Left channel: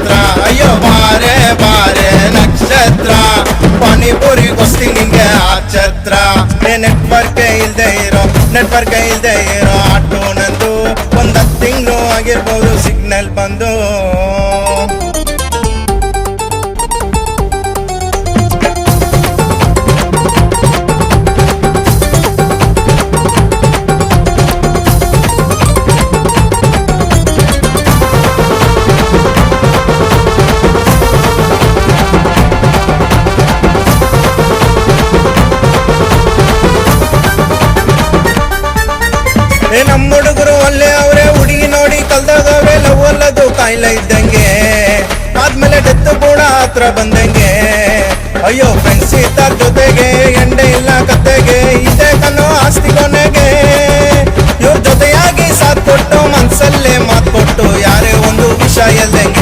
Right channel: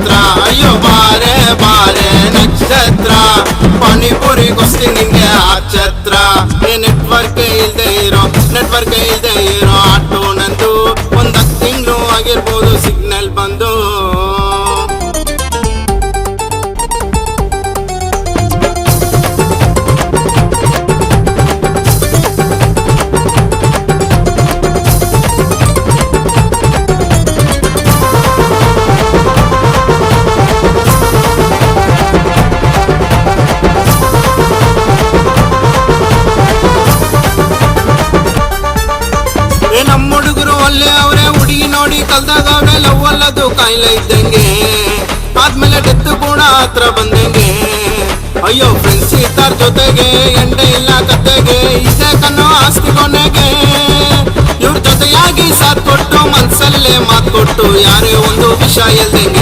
ಹತ್ರ. ಅಯ್ಯೋ ಬಾರೆ ಬಾರೆ ನಕ್ಷತ್ರ, ಪಾನಿಪುರಿಗೋಸ್ತಿ ನಿಂಗೆ ಆ ಛತ್ರ. ನೆಟ್ವರ್ಕ್ ಇಲ್ದೇ ಇರೋ ಆಟೋ ನಂದು, ಒಂದ್ 10 ತಿಂಗಳು ಆಗಿರ್ಬೋದು ಸಿಗ್ನಲ್ ಬಂದು. ನಮ್ಮ ಹುಡುಗರು ಅಲ್ಲೇ ಅವ್ರೆ, ಹುಡುಗಿ ನೋಡಿ ಕಲ್ದಾಗವ್ರೆ. ಲವ್ ಅಲ್ಲದು ಕಾಯಿಲೆ ಇದ್ದಂಗೆ, ಆದ್ಮೇಲೆ ಡೆತ್ ಕೂಡ ಹತ್ರ ಬಂದಂಗೆ. ಅಯ್ಯೋ ಫ್ರೆಂಡ್ಸ್ ಇದ್ದಾರ ಜೊತೆಗೆ, ಎಂಡೆ ಇಲ್ಲ ಕತೆಗೆ, ಇದೆ ಕನ್ನೋ ಆಸ್ತಿ ಕೊನೆಗೆ. ಇವ್ರ ಜೊತೆಯಾಗಿ ಸಾಥ್ ಕೊಟ್ಟು, ಮನ್ಸಲ್ಲೇ ಮಾತ್ ಕೊಟ್ಟು, ಯಾರೇ ಒಂದು ವಿಷಯ ಎಲ್ದಂಗೆ.